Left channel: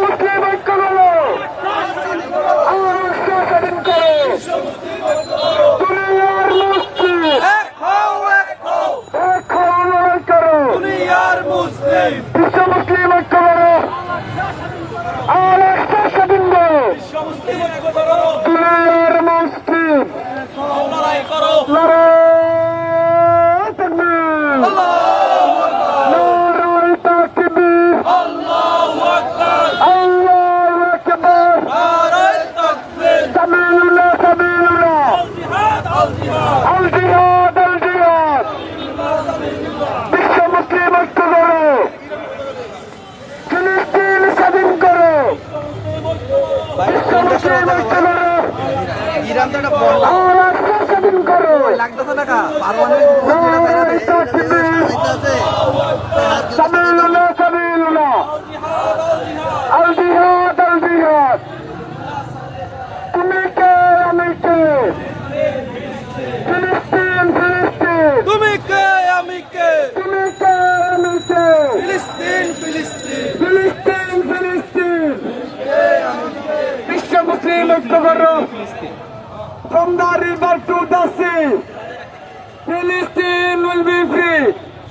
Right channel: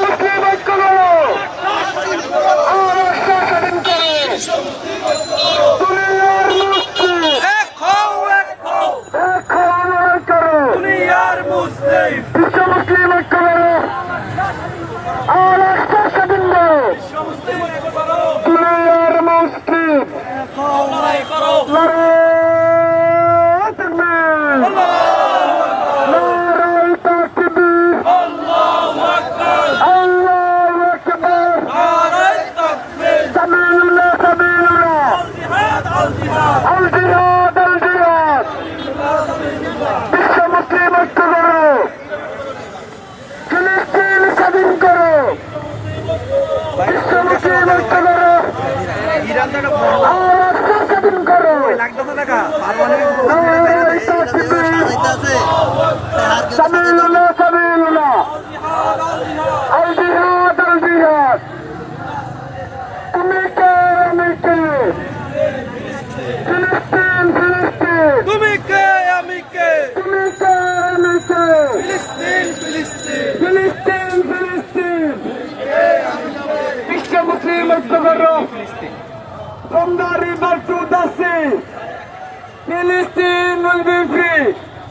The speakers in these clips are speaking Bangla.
মুসলিম ঐক্য করো। দুনিয়ার মুসলিম বিশ্ব মুসলিম ঐক্য করো। আর একটা স্বাধীন করো। দুনিয়ার মুসলিম লড়াই তাকবীর। লড়াই তাকবীর। আল্লাহু আকবার। সাবিলুল্লাহ সাবিলুল্লাহ। আল জিহাদ আল জিহাদ। বিশ্ব মুসলিম ঐক্য করো। ফিলিস্তিন স্বাধীন করো। বিশ্ব মুসলিম ঐক্য করো। আর একটা স্বাধীন করো। লড়াই তাকবীর। সাবিলুল্লাহ সাবিলুল্লাহ। আল জিহাদ আল জিহাদ। তুমি কে আমি কে। ফিলিস্তিন ফিলিস্তিন। তুমি কে আমি কে তুমি কে আমি কে। ফিলিস্তিন ফিলিস্তিন ফিলিস্তিন ফিলিস্তিন। বিশ্ব মুসলিম ঐক্য করো। From the river to the sea, Palestine will be free.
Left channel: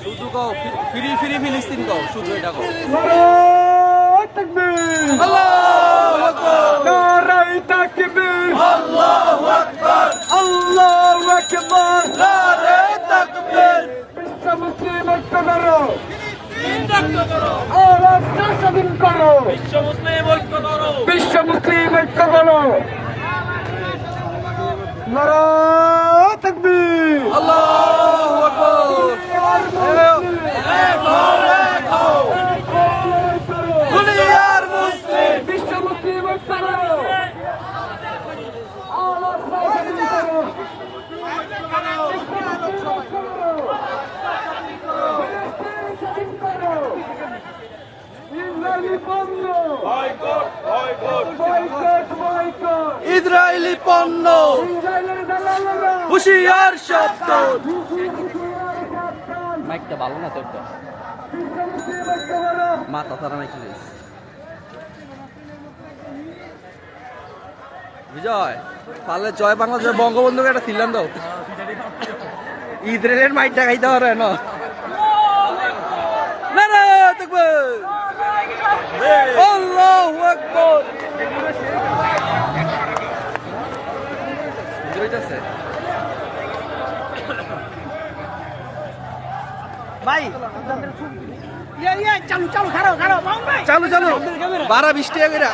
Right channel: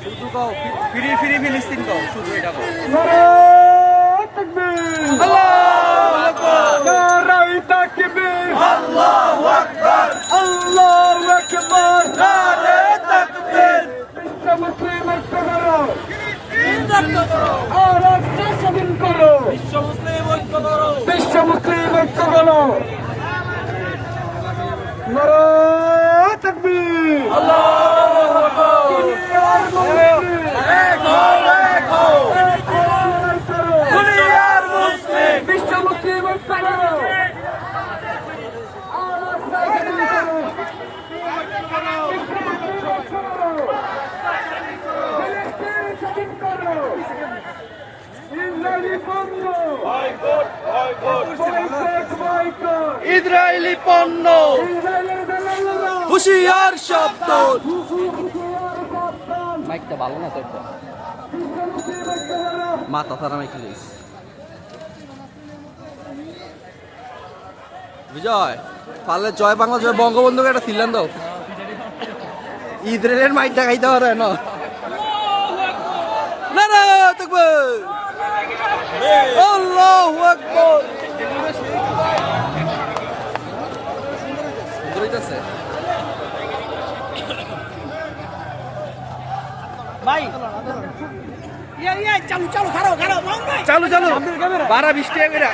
শুধু কও ফ্রি ফ্রি ফিলিস্তিন কও শুধু এটা কও নারায়ে তাকবীর। আল্লাহু আকবার নারায়ে তাকবীর। আল্লাহু আকবার আল্লাহু আকবার। নারে তাকবীর বিশ্ব মুসলিম ঐক্য করো। ফিলিস্তিন রক্ষা করো আর রাষ্ট্র স্বাধীন করো। বিশ্ব মুসলিম ঐক্য করো বিশ্ব মুসলিম ঐক্য করো। নারায়ে তাকবীর। আল্লাহু আকবার দুনিয়ার মুসলিম বিশ্ব মুসলিম ঐক্য করো। আর রাষ্ট্র স্বাধীন করো। ইসরায়েলি পণ্য বয়কট বয়কট। ইসরায়েলি পণ্য ইসরায়েলের দালালেরা হুশিয়ার শব্দ সাবধান। মাইকটা ভালো না তো এটা বিশ্ব মুসলিম ঐক্য করো। মাথা সারা মাইক লইস বিজয় পারলে জয় বাংলা জয় বঙ্গবন্ধুকে একটা সিলান দাও ইসরায়েলের মাইকটা খাইতে পারে না নারায়ে তাকবীর আল্লাহু আকবার হইতাছে ভাই চালু চালু খারাপ খারাপ চালু চালু 12-20 টাকা করে